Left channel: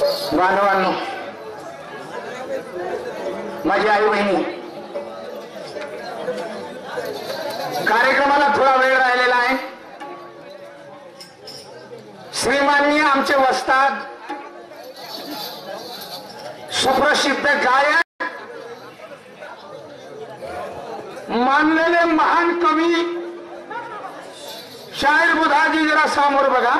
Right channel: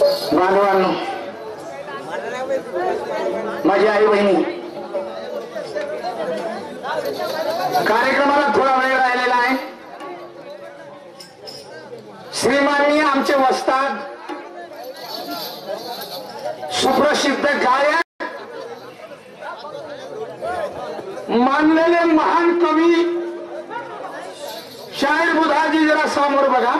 बांधवांनो, माझी आई बहिणी, कार्यक्रमाला थोडा वेळ राहिलेला आहे. श्रीमाननीय आमचे वस्ताद, सुप्रसिद्ध गायक, मानलेले महान कवी शाहीर बुधाजी, जरा समोर बघा.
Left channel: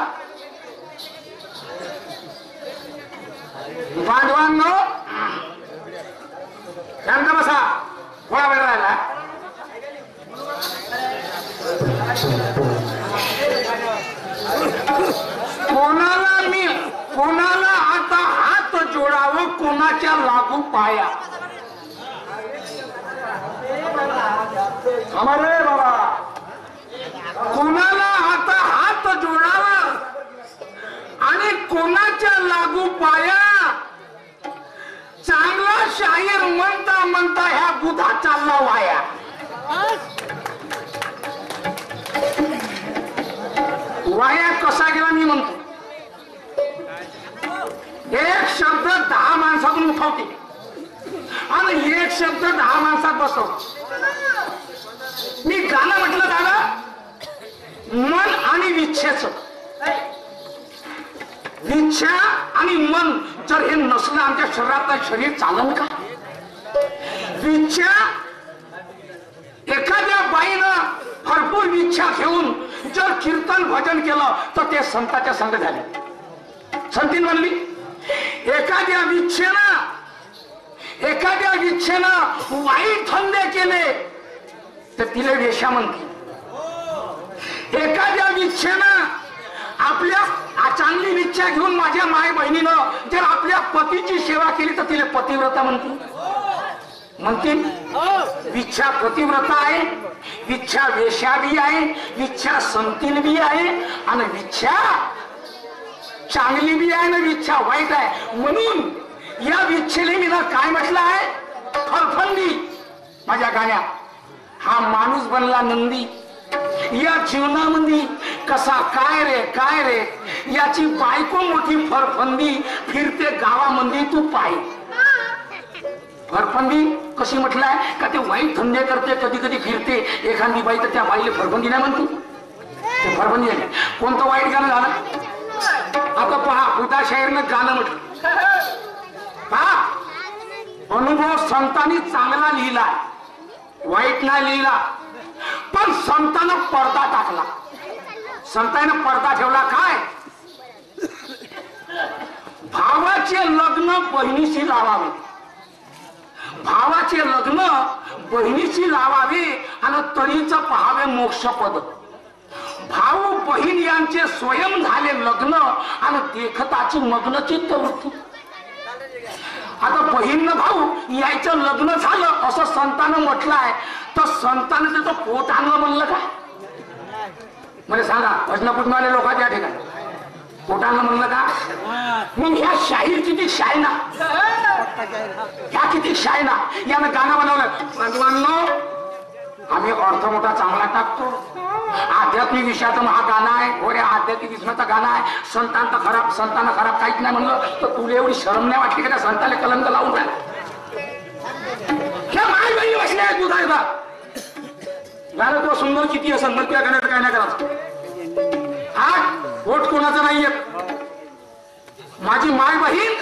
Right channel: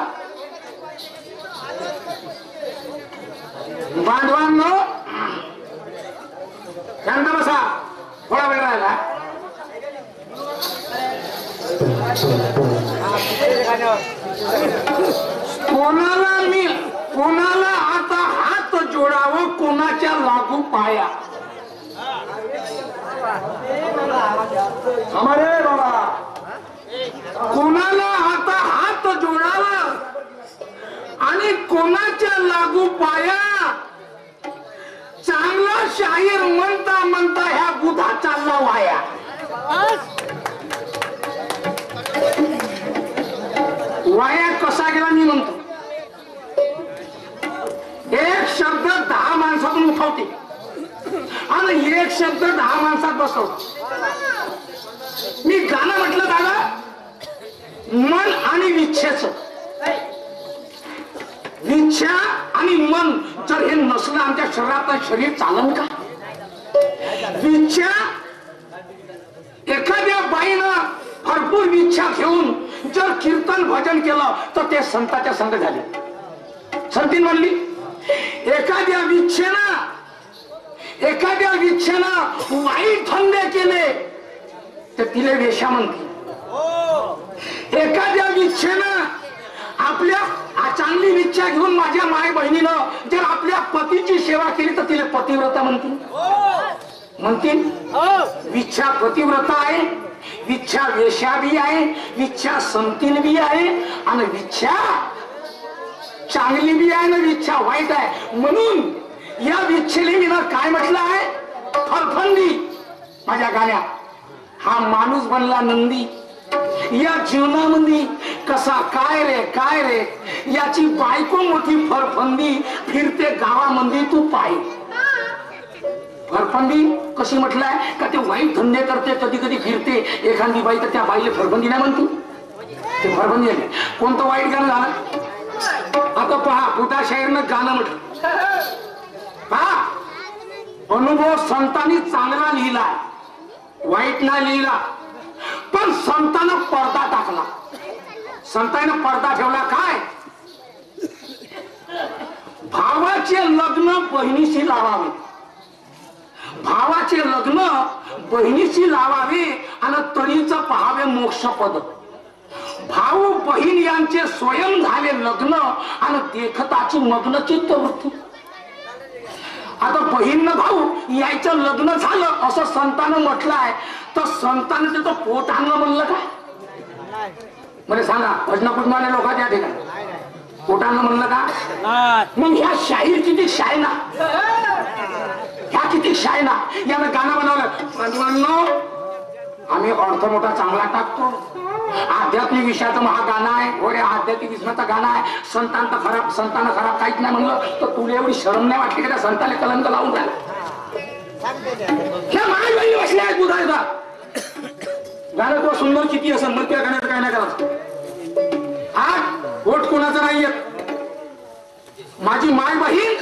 बांधवांनो, शांत बसा, थोडा वेळ राहिला. कोणाला आता हात जोडावं, कोणाच्या लागू पाया. अमरे बाबा, कोणाला आता हात जोडावा आणि कोणाच्या लागू पाया. चांगला शाहीर म्हणता म्हणता ह्या बुधा चालला वाया. वाया कसा गेला मी म्हणतो. एक शब्द 10 माणसातून उठवते आणि एक शब्द 10 माणसात बसवतो. मी गाणं म्हटलं दादा, मन आणि विच्छेचं. विच्छा आणि मन जर हे नसलं आमच्या शरीरात, शरीर चालन का? विच्छा, एखाद्या बाईनं भरपूर विच्छा घेऊन जर कीर्तन भजन केलं तर ते संताच्या संग झाले. संतीन म्हणली, एखाद्या विच्छेनं वाईट धंदे केले तर तिला वेश्या म्हणते. एखाद्या विच्छेनं आपल्या चांगली विच्छा घेऊन माझ्या माय बहिणीनं जर आपल्या पतीची सेवा केली तर तिला पतिव्रता म्हणतील. विच्छा पतिव्रता आहे, विच्छा वेश्या बी आहे, विच्छा संतीन बी आहे, आणि विच्छा चांगली बी आहे ना विच्छा वाईट आहे. म्हणून या विच्छेने मी ना काय म्हटलं आहे, फरफंदी माझ्या गाण्यात. हा माणूस बनला नंदी, या जीवनामध्ये कसा काय रे याची बायको मोठी फरफंदी, फिरते गावामध्ये तू पाय. फरफंदी कशी म्हटलंय का, ते वाईट धंदे करते, कधी कधी फिरते एखादी बाई, तर त्या बाईला फरफंदी नाही म्हणते, ते फरफंदी आहे. कोणतं वाईट गाणं झालं आता पहा. बुधा शाहीरनं गाणं म्हटलं पहा. अनुभव संतांनी चांगला लिहिला, वाईट नाही लिहिला. पण संतानं पडदा टाकला. संतानं पडदा ठेवला काय, भावाचे लग्न बहिणीशी लावावे, भावाचे लग्न बहिणीशी लावावे आणि तरीचं पहावे मोक्षपद. भाऊ बहीण यांचे स्वयं झाले लग्न आणि देखताची मग्न चित्तवृत्ती. आता बहीण भाऊ यायचं लग्न झालं असं संतानं म्हटलंय, तर संतानं त्याचं पोट आणलं म्हणलं काय? मला सांगा, भजनापुजनाने लोक त्या ठिकाणी पोटानं म्हणलं का? मग ह्या शाहीर किती शायना, ह्या किती शायना. यानं गाणं बनवलं. आम्ही अर्थ मोठा चांगला टाकतो. आध्यात्मिक विषयाचं हा गाणं आहे, घोड्या आध्यात्मिक विषयाचा गाणं आहे. संतांना खराब काहीच नाही म्हणलं तर तुला एवढी शरम नाही वाटली का त्या संताला कलंक लावून राहिला? ह्या माय बहिणी बसल्या आहेत बुधायला. गाणं तो सुंदर किती असेल, मग त्या गाण्याचं काय नाही करायचं. हा पोट कोणाचं नाही येत. माझी माय बहीण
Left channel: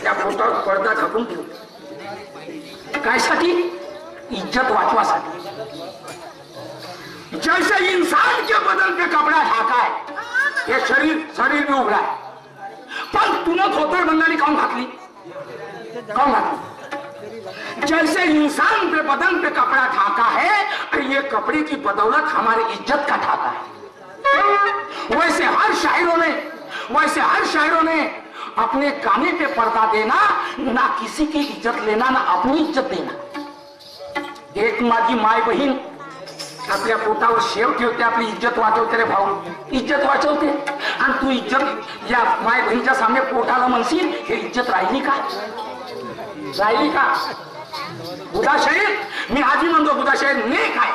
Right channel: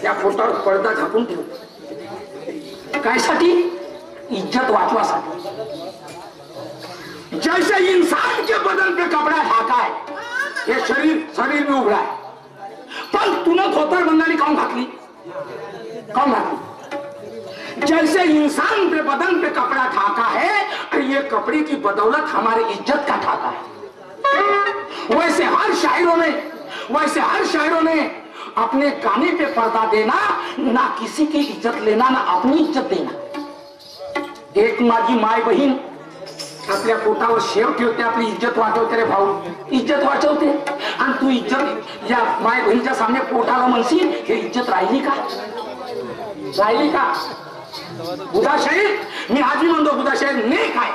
त्या पोटावर पडदा झाकून ठेवली. कायसाठी? इज्जत वाचवासाठी. जैसे इंसान के बदन पे कपड़ा ढाका है, ये शरीर में उघडा है. पण तूने धोतर बंगाली कौन घातली? जैसे इंसान पे बदन पे कपड़ा ढाका है और ये कपड़े की बदौलत हमारी इज्जत का ढाका है. वैसे हर शायरों ने अपने गाने पे पर्दा देना, ना किसी की इज्जत लेना, ना अपनी इज्जत देना. एक माझी माय बहीण आपल्या पोटावर शेव ठेवते, आपली इज्जत वाचवते. रे भाऊ, इज्जत वाचवते आणि तू इज्जत या माय बहिणीच्या सामने पोटाला म्हणशील, हे इज्जत राहिली का? बुधा शाहीर, मी आधी म्हणतो बुधा शाहीर नेक आहे,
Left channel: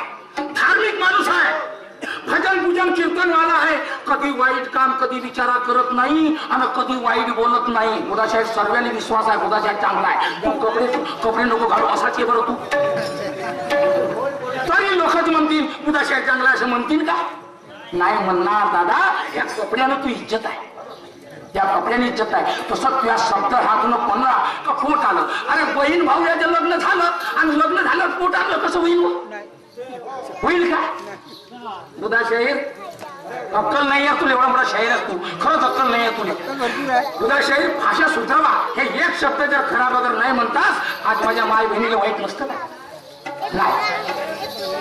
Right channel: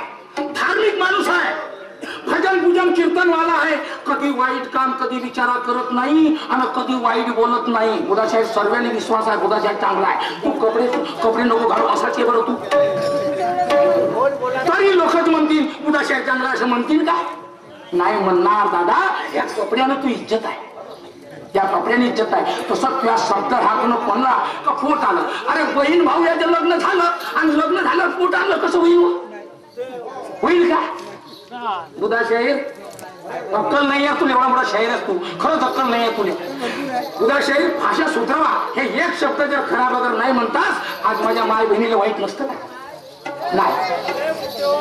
धार्मिक माणूस आहे. भजन पूजन कीर्तन वाला आहे, कधी वाईट काम कधी विचारा करत नाही आणि कधी वाईट बोलत नाही. बुधासाहेब सर्वांनी विश्वास आहे बुधासाहेब चांगला आहे. तू कपडे नको घालू असाच बरं तू, तरी लोकच म्हणतील बुधासाहेब चांगला असं म्हणतील का? नाही म्हणणार दादा. या कपड्यानं तू इज्जत आहे, त्या कपड्याने इज्जत आहे. तसं तुझ्या शब्द हातून पडला का पोट आलं. अरे बहीण भाऊ याचं लग्न झालं आणि लग्न झालं पोट आलं कसं होईल का? बुधा शाहीर अक्कल नाही आहे तुला, एवढा मोठा शाहीर आहेस तू, खरंच अक्कल नाही आहे तुला. बुधा शाहीर भाषा सुधारवा. हे एक शब्द जर खराब अगर नाही म्हणतास आज माझ्या माय बहिणीला वाईट नसतं नाही.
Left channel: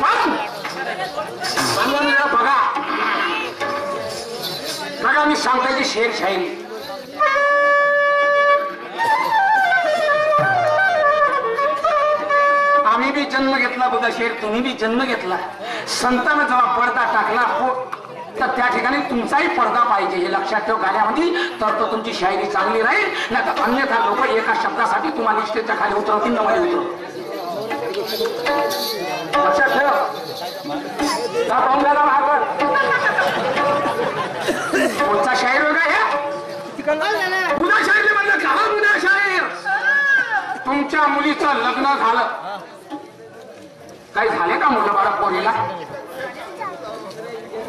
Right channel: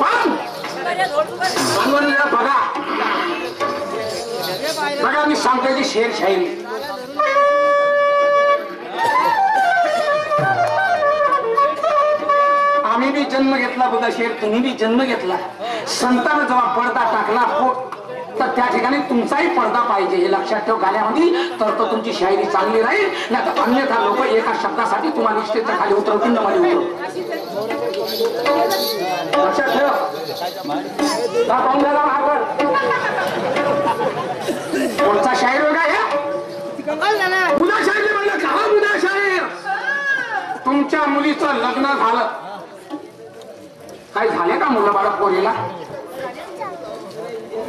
पण बघा बघा मी सांगतोय की शेर शायरी आम्ही बी जन्म घेतला बुधा शेर, तुम्ही बी जन्म घेतला. संतानं जेव्हा पडदा टाकला तर त्या ठिकाणी तुमचाही पडदा पाहिजे हे लक्षात ठेव गाण्यामध्ये. तर तुमची शायरी चांगली राहील. नाही तर अन्यथा लोक एका शब्दासाठी तुम्हाला स्टेजच्या खाली उतरवतील ना मध्ये उतरव. लक्षात ठेव. पुढचा शाहीर होगा हे बुधा शाहीर म्हणलं का? बुधा शाहीर तुमच्या मुलीचं लग्न झालं. काही झाले का मुलं बाळा पोरीला?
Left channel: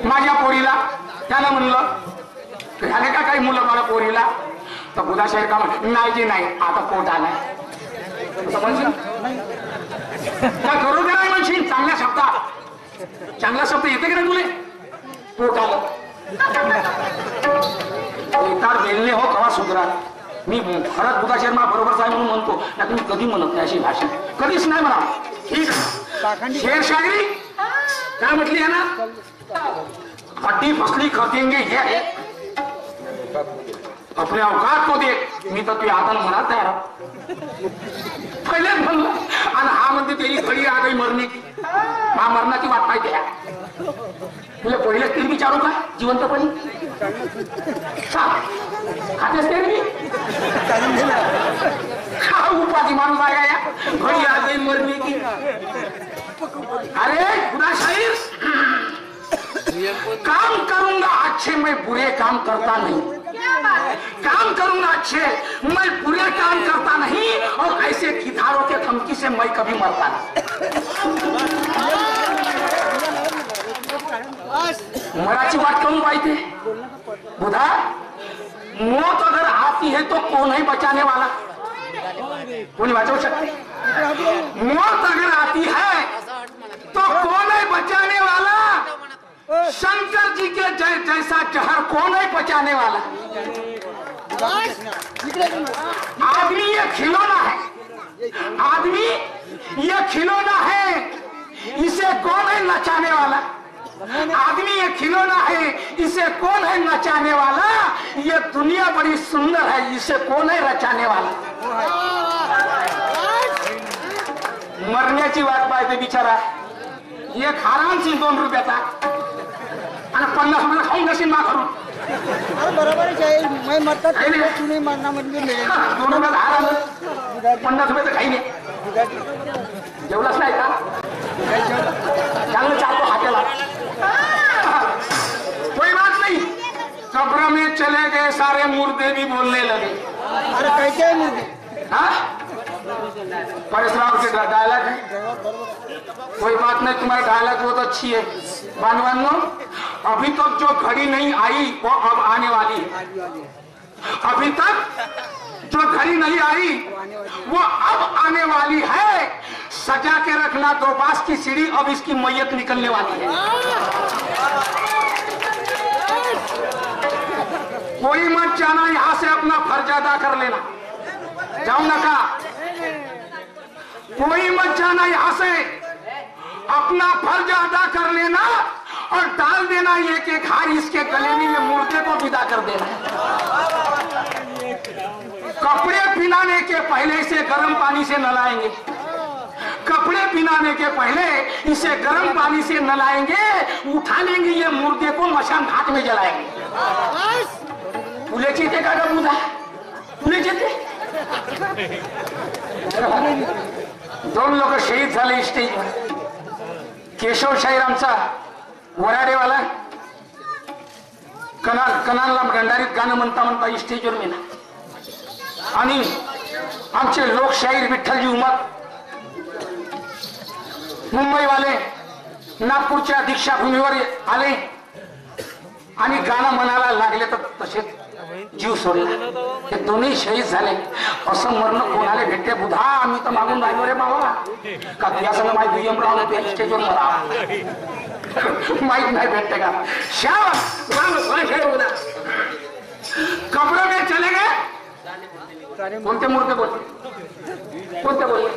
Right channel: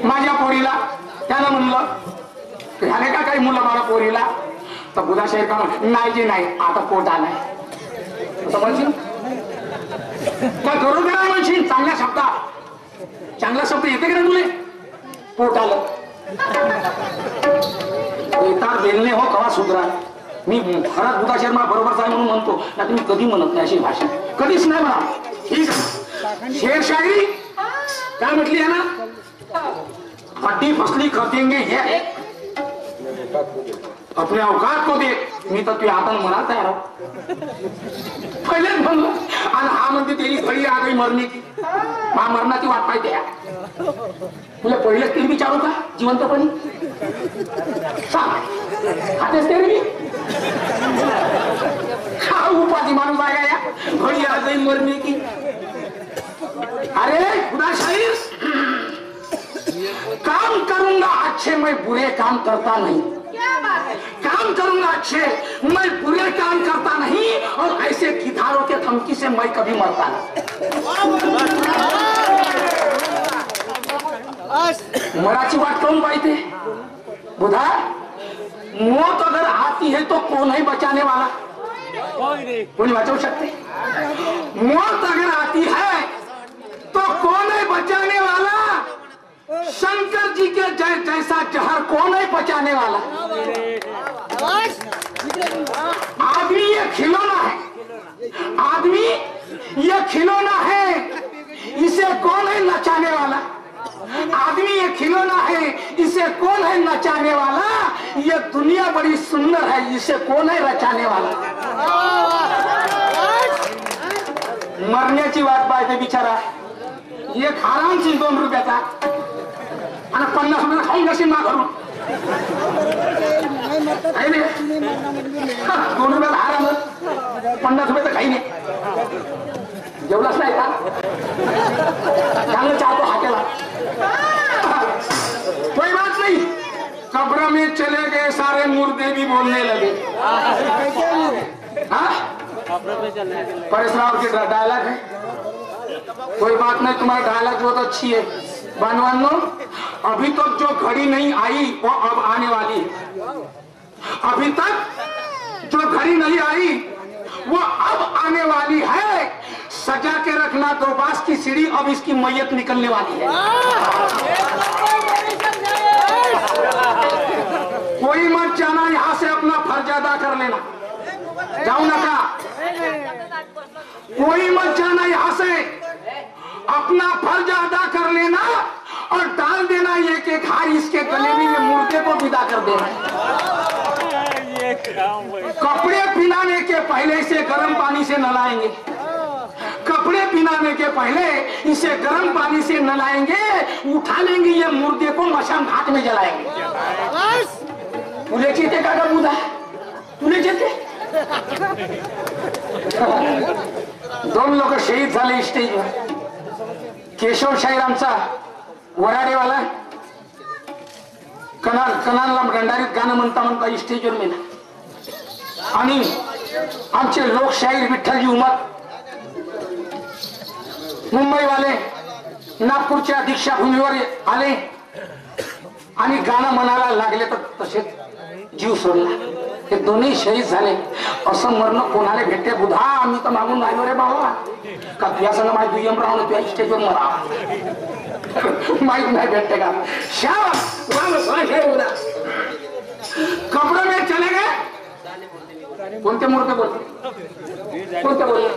माझ्या पोरीला त्याला म्हणलं झाले का काही मुलं बाळा पोरीला? तर बुधा शाहीर का नाही जी नाही, आता पोट आलाय. म्हणशील त्या गरुड म्हणशील चांगल्या शब्दात, चांगला शब्द येते की नाही तुले? पोट आलं. इतर बेलणे हो कवा सुधरा. मी खरंच बुधा शाहीर मला बरोबर आहे म्हणून म्हणतो, नाही तुम्ही कधी म्हणत नाही अशी भाषा, कधीच नाही म्हणा. ठीक आहे. शेर शायरी काय म्हटली आहे ना? हड्डी फसली खतेंगे हे अपने अवकात को देख. मी तर तुझ्या हातानं म्हणा तयार पहिलेच म्हणलं. आणि हा म्हणते त्याची खडी आ गई मरणे की. हा मरणाची वाट पाहिजे. तुला पहिलेच तरी विचारू का जिवंतपणी? खातेच तरी मी हा उपाधी माणूस आहे या घडी आ गई मरणे की. अरे बुधा शाहीर काम करूंगा अच्छे मैं बुरे काम करता नहीं. काम करूंगा अच्छे मैं बुरे काम करता नहीं. और ऐसे किधारों के धमकी से मैं कभी मरता नहीं. मराठी बात कौन पाइते बुधा? मौत अगर आती है तो कौन है बचाने वाला? कौन बचा सकते? मौत अगर आती है तो कौन है बचाने वाला? शंकर जी के जैसा जहर कौन है बचाने वाला? आदमी ये खिलौना है, आदमी ये खिलौना है, इसे कौन है नचाने वाला? आदमी ये खिलौना है, इसे कौन है नचाने वाला? ये दुनिया बड़ी सुंदर है, इसे कौन है रचाने वाला? मरण्याची वाट पाहते बिचारा. एक आरामची 2 रुपयाचा आणि 50 रुपये खाऊन जाशील ना घरून. 2 रुपयाचा आराम 50 रुपये तर काही नाही. जेवलाच नाही का? चांगलं चाहतो हाकेला. कोई बात नहीं. कब्र में चले गए सारे मुर्दे भी बोलने लगे. परेश राव की डायलॉग है. कोई बात नहीं, तुम्हारी डायलॉग बहुत अच्छी है. बानवानो अभी तक जो घड़ी नहीं आई वो अब आने वाली है. अभी तक जो घड़ी नहीं आई वो अब आने वाली है. सजा के रखना 2 बांस की सीढ़ी, अब इसकी मैयत निकलने वाली है. कोई मत जाना, यहां से अपना फर्ज अदा कर लेना. जाओ नका. कोई मत जाना, यहां से अपना फर्ज अदा कर लेना और डाल देना ये के घर इसके गले में मुर्दे को विदा कर देना. कपड़े पिनाने के पहले इसे गर्म पानी से नहलाएंगे. कपड़े पिनाने के पहले इसे गर्म पानी से नहलाएंगे. उठा लेंगे ये मुर्दे को मशान घाट में जलाएंगे. पुले चेते का बुधा? पुले चेते 2 लोक शहीद झाले स्टेजवर. केशव शाहीर आमचा वराडेवाला कणाला गंडारीत गाणं म्हणता म्हणता स्टेजवर मेला. आणि आमचे लोकशाहीर विठ्ठलजी उमर मुंबईवाले नागपूरच्या दीक्षाभूमीवर आले आणि गाणं म्हणायला लागले तर तसेच जीव सोडला. हे दोन्ही शहीद झाले. असं मरण कोणाला भेटते बुधा? आम्ही तर मागून राहिलो रे बाबा. का तुझ्या संग माहिती दुय्यम राहून तुझ्या स्टेजवर मला माहित नाही भेटते का? कपडे में चले गए. कोणते मूर्त बोलते? कोणते बोलते?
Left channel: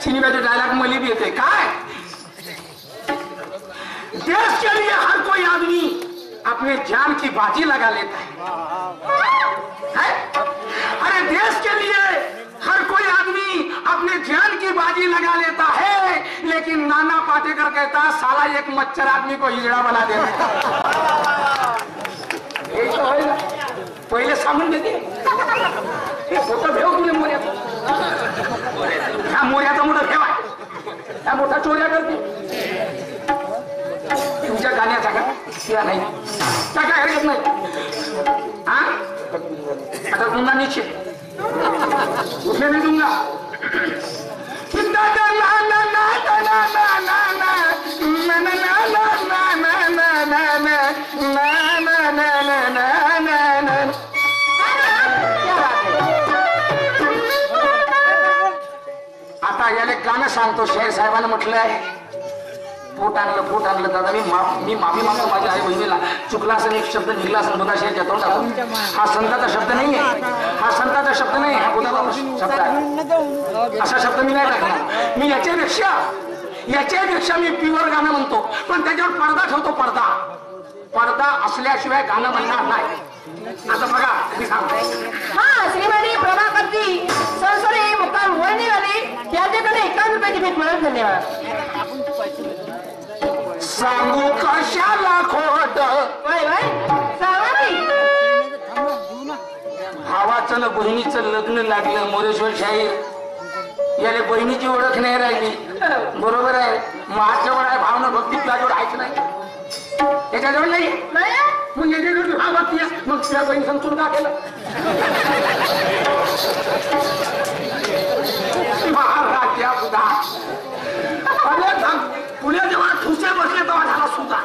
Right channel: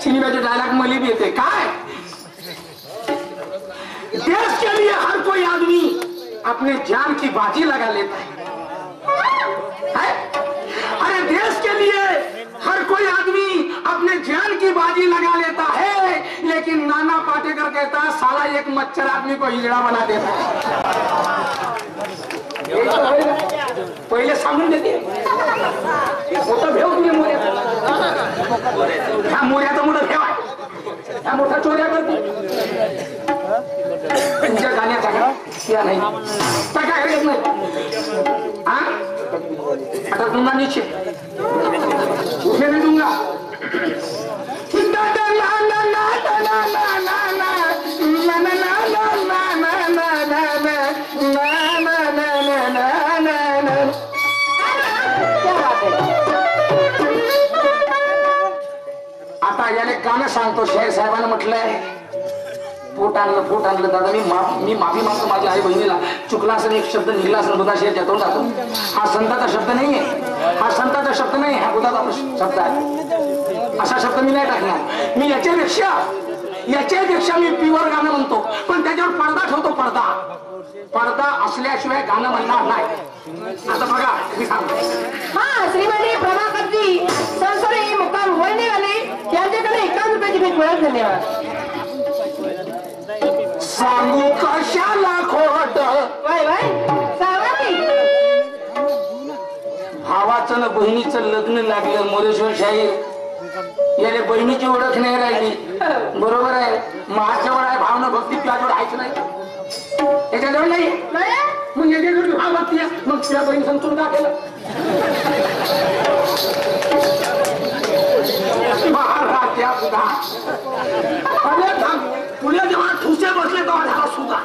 सिनेमाचे डायलॉग मला भी येते. काय देश के लिए हर कोई आदमी अपने जान की बाजी लगा लेता है? अरे देश के लिए हर कोई आदमी अपने जान की बाजी लगा लेता है, लेकिन नाना पाटेकर कहता साला एक मच्छर आदमी को हिजड़ा बना देता है. पहिले सांगून देते मोठं भेव तुझे मोर्या. ह्या मोर्याचा मोठं भेव आहे. ह्या मोठा चोऱ्या करते. तुझ्या गाण्याचा का या नाही टाका येत नाही. हा आता दूंगा नीचे उठने नहीं दूंगा. आता याने गाणं सांगतो. शेर साहेबांना म्हटलंय पोट आणलं दादा. मी माफी मागतो माझ्या आई बहिणीला. चुकला असेल एक शब्द निघला असेल बुधा शेर त्यातून टाकून. हा संताचा शब्द नाहीये. हा संताचा शब्द नाही. हा बुधाचा शब्द आहे. असा शब्द मी नाही टाकणार. मी याच्यापेक्षा मी प्युअर गाणं म्हणतो. पण त्याच्यावर पडदा ठेवतो. पडदा असल्याशिवाय गाणं म्हणणार नाही. आता बघा मी सांगतो. हा श्रीमती प्रभाकरजी संसोरे मुक्काम वर निघाले. त्यांच्याकडे 51 रुपयाची भेट मिळत. धन्यवाद. सांगू कशाला खोट भावाचं न बहिणीचं लग्न लागलं. मोरेश्वर शाहीर याने बहिणीची ओळख नाही राहिली. बरोबर आहे. माझ्याजवळ आहे भावना भक्ती. तुझ्याजवळ आहेच नाही. त्याच्याजवळ नाही मग याच्याजवळ भाव भक्ती आहे. मग तुझ्या बहिणी संतून का केलं? महाराजा सुद्धा पुढे जेव्हा ठुसे बसले तेव्हा झाला सुद्धा.